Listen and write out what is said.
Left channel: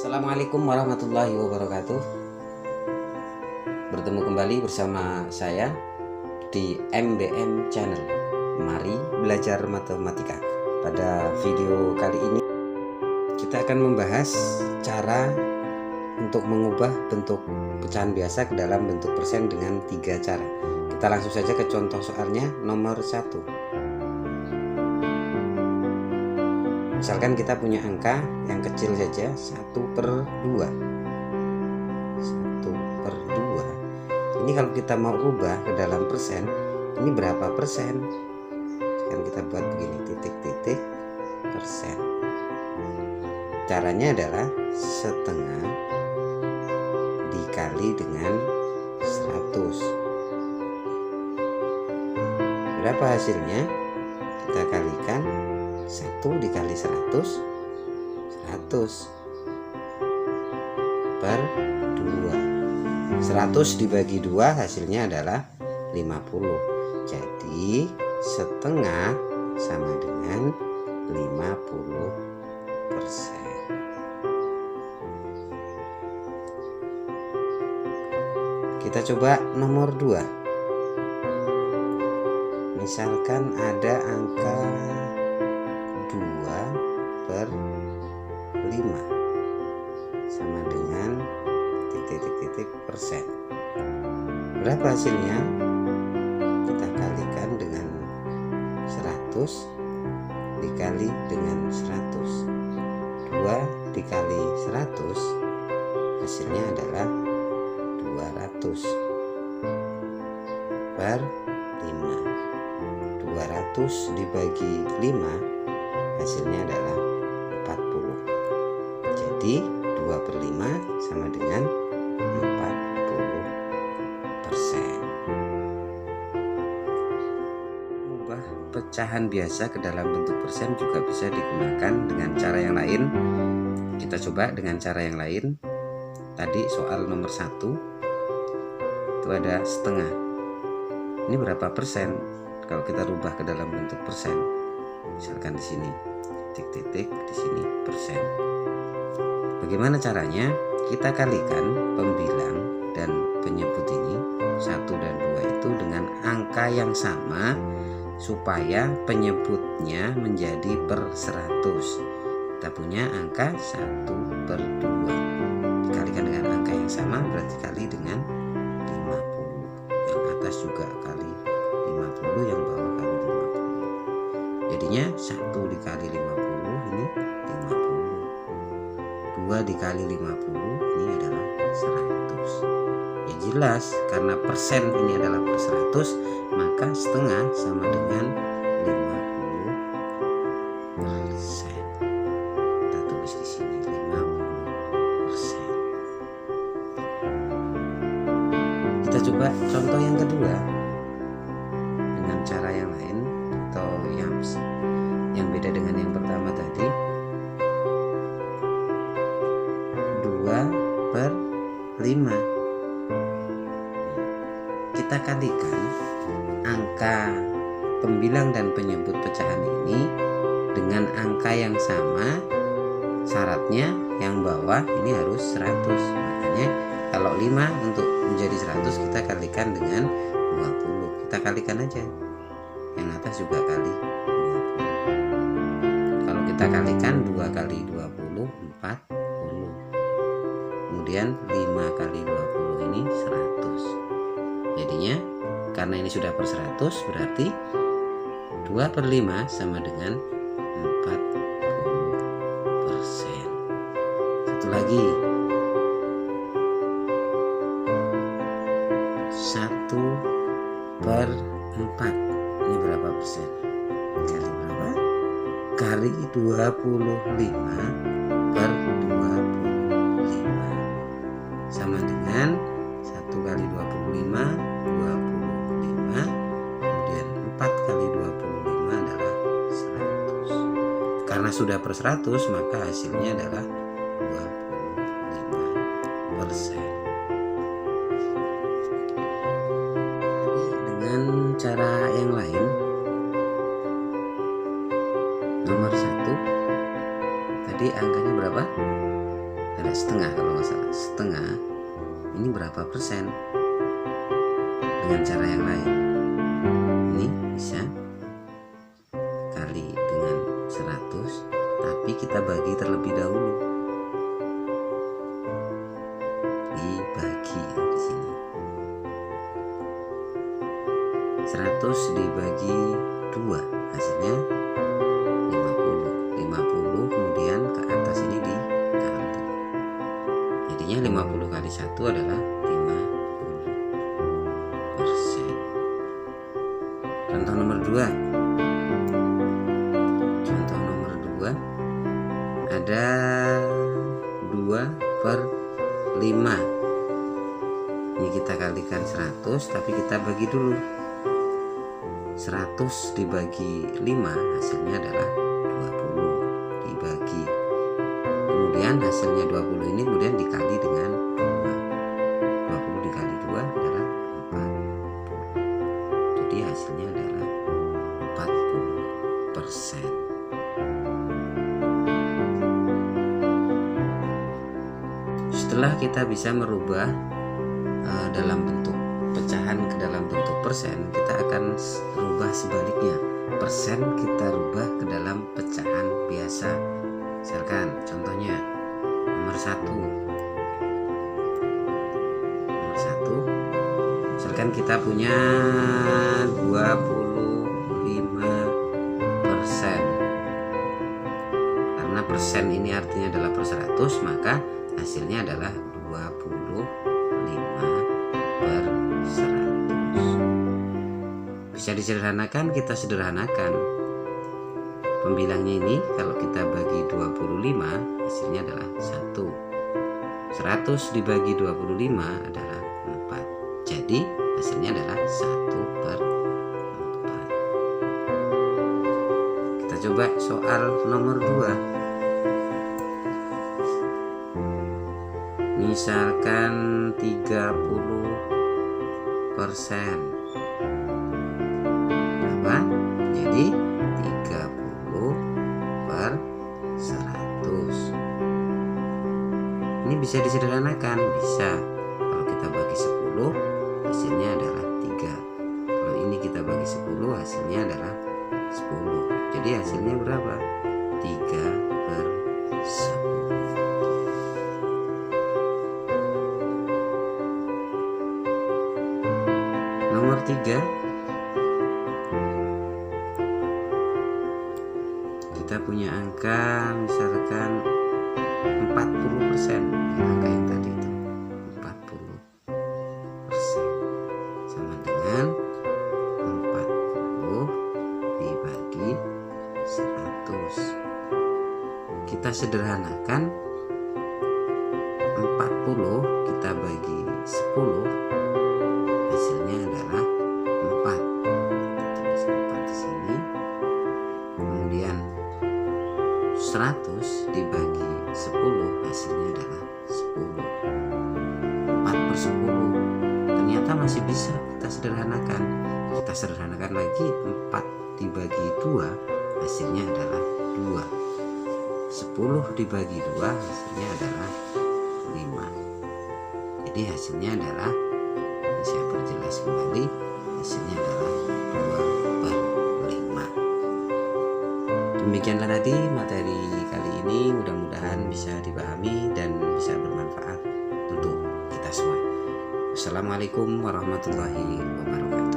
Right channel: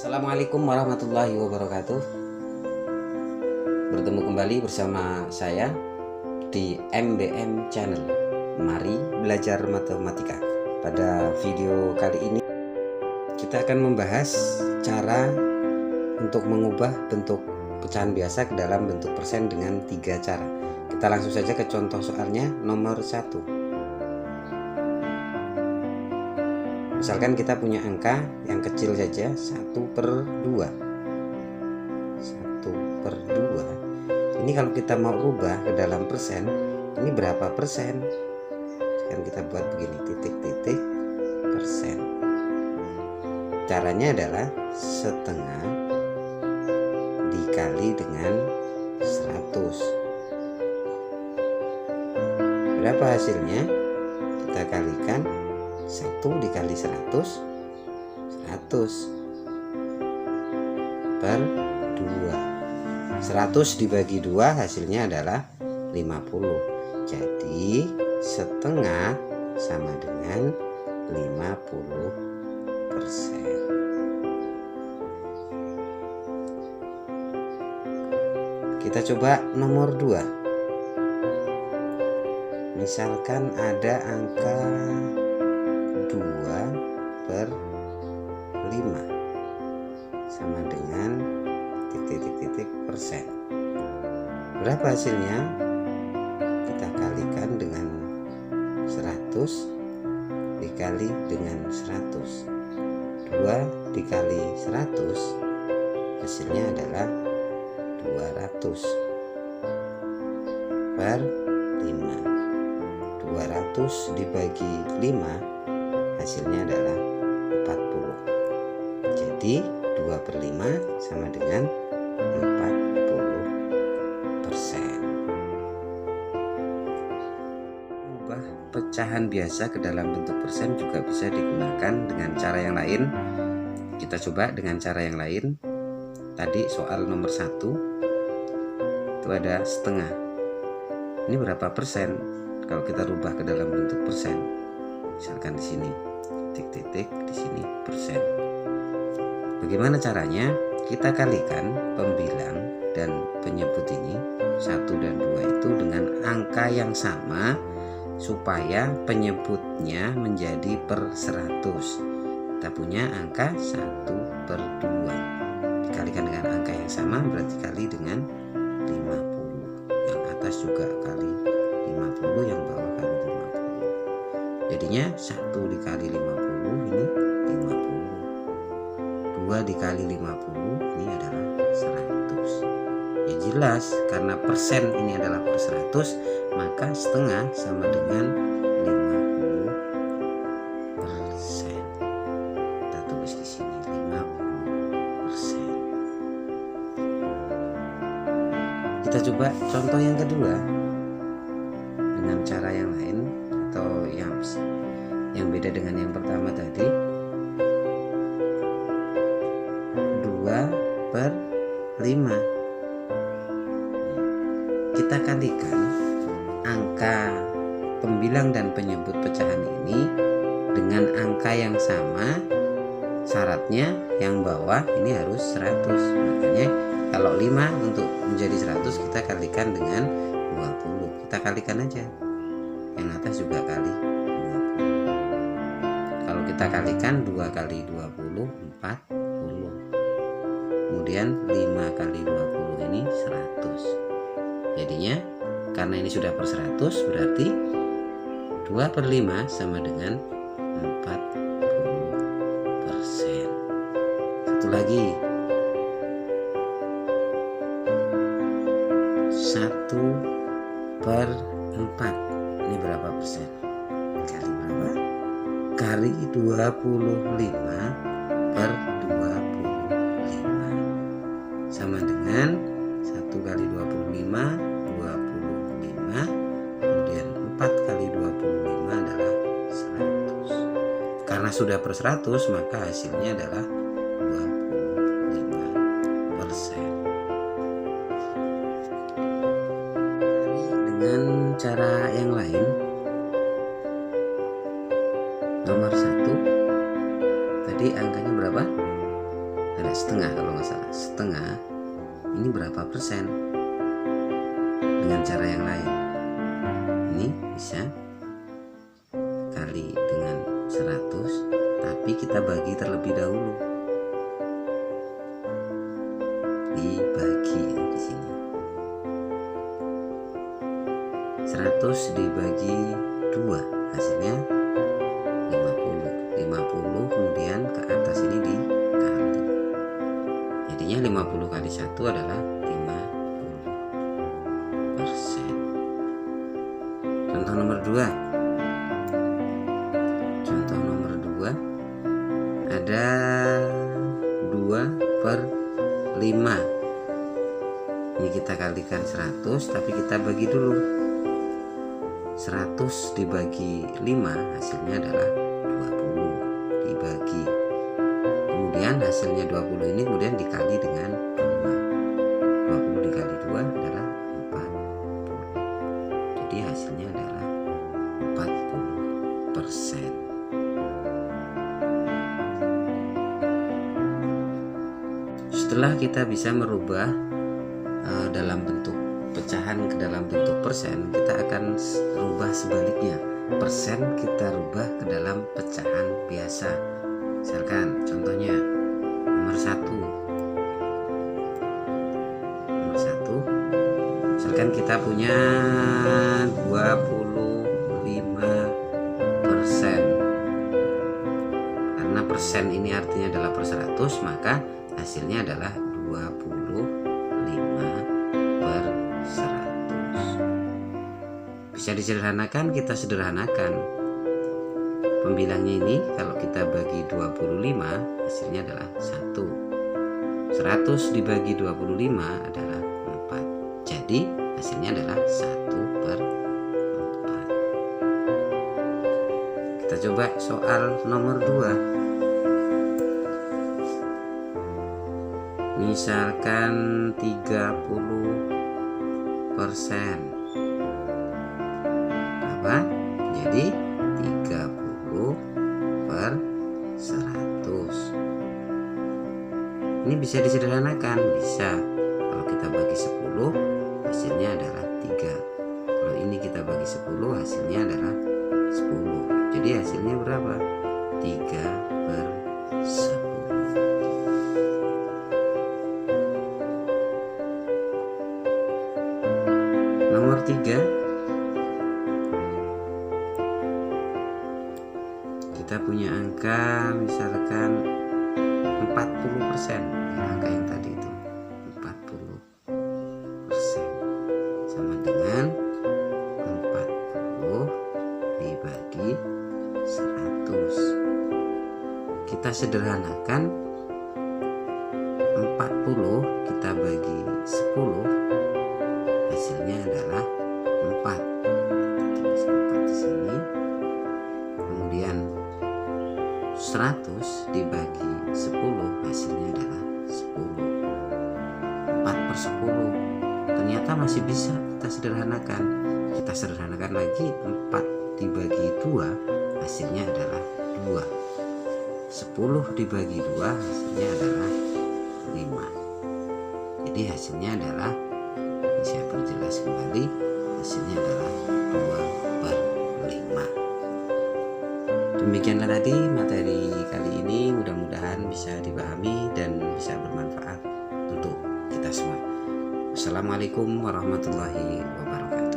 Assalamualaikum warahmatullahi wabarakatuh. Bertemu kembali bersama saya di MBM Channel. Mari belajar matematika. Pada video kali ini kita akan membahas cara untuk mengubah bentuk pecahan biasa ke dalam bentuk persen dengan 3 cara. Kita langsung saja ke contoh soalnya nomor 1. Misalkan kita punya angka yang kecil saja 1/2. 1/2. Ini kalau kita mau rubah ke dalam persen, ini berapa persen? Kan kita buat begini, titik-titik persen. Caranya adalah setengah dikali dengan 100. Berapa hasilnya? Kita kalikan 1 dikali 100, 100 per 2. 100 dibagi 2 hasilnya adalah 50. Jadi setengah sama dengan 50%. Kita coba nomor 2. Misalkan ada angka 2/5 sama dengan titik-titik persen. Berapa hasilnya? Kita kalikan dengan 100 dikali dengan 100. 2 dikali 100 hasilnya adalah 200 per 5. 200 dibagi 5 hasilnya adalah 40. Jadi 2/5 sama dengan 40%. Mengubah pecahan biasa ke dalam bentuk persen juga bisa digunakan dengan cara yang lain. Kita coba dengan cara yang lain. Tadi soal nomor 1 itu ada setengah. Ini berapa persen kalau kita rubah ke dalam bentuk persen? Misalkan di sini titik-titik, di sini persen. Bagaimana caranya? Kita kalikan pembilang dan penyebut ini 1 dan 2 itu dengan angka yang sama supaya penyebutnya menjadi per 100. Kita punya angka 1/2 dikalikan dengan angka yang sama berarti kali dengan 50. Yang atas juga kali 50, yang bawah kali 50. Jadinya 1 dikali 50 ini 50. 2 dikali 50 ini adalah 100. Ya jelas, karena persen ini adalah per 100, maka setengah sama dengan 50%. Kita tulis di sini 50%. Kita coba contoh yang kedua dengan cara yang lain atau yang beda dengan yang pertama tadi. 2/5. Kita kalikan angka pembilang dan penyebut pecahan ini dengan angka yang sama. Syaratnya yang bawah ini harus 100. Makanya kalau 5 untuk menjadi 100 kita kalikan dengan 20. Kita kalikan aja. Yang atas juga kali 20. Kalau kita kalikan 2 kali 20 40. Kemudian 5 kali 20 ini 100. Jadinya karena ini sudah per 100 berarti 2/5 sama dengan 40%. Satu lagi, 1/4. Ini berapa persen? Kali berapa? Kali 25/25 sama dengan 1 kali 25 25, kemudian 4 kali 25 adalah 100. Karena sudah per 100 maka hasilnya adalah 25%. Dengan cara yang lain, nomor 1 tadi angkanya berapa? ada setengah kalau nggak salah. Setengah ini berapa persen? Dengan cara yang lain, ini bisa kali dengan 100, tapi kita bagi terlebih dahulu. Dibagi ya, di sini 100 dibagi 2 hasilnya 50 kemudian ke atas ini dikali, jadinya 50 kali 1 adalah 50%. Contoh nomor 2 ada 2/5. Ini kita kalikan 100, tapi kita bagi dulu. 100 dibagi 5 hasilnya adalah 20 dibagi. Kemudian hasilnya 20 ini kemudian dikali dengan 2. 20 dikali 2 adalah 40. Jadi hasilnya adalah 40%. Setelah kita bisa merubah dalam bentuk pecahan ke dalam bentuk persen, kita akan rubah sebaliknya. Persen kita rubah ke dalam pecahan biasa. Misalkan contohnya nomor 1. Misalkan kita punya 25%. Karena persen ini artinya adalah per 100, maka hasilnya adalah 25/100. Bisa disederhanakan, kita sederhanakan. Pembilangnya ini kalau kita bagi 25 hasilnya adalah 1. 100 dibagi 25 adalah 4. Jadi hasilnya adalah 1/4. Kita coba soal nomor 2. Misalkan 30%. Apa? Jadi 30/100. Ini bisa disederhanakan, bisa. Kalau kita bagi 10 hasilnya adalah 3. Kalau ini kita bagi 10 hasilnya adalah 10. Jadi hasilnya berapa? 3/10. Nomor 3, kita punya angka misalkan 40%. Angka yang tadi itu 40% sama dengan 40 dibagi 100. Kita sederhanakan, 40 kita bagi 10 hasilnya adalah 4. Tulis 4 di sini. Kemudian 100 dibagi 10 hasilnya adalah 10. 4/10. Ternyata masih bisa kita sederhanakan. Kita sederhanakan lagi, 4 dibagi 2 hasilnya adalah 2. 10 dibagi 2 hasilnya adalah 5. Jadi hasilnya adalah, saya perjelas kembali, hasilnya adalah 2/5. Demikianlah tadi materi kali ini, mudah-mudahan bisa dipahami dan bisa bermanfaat untuk kita semua. Wassalamualaikum warahmatullahi wabarakatuh.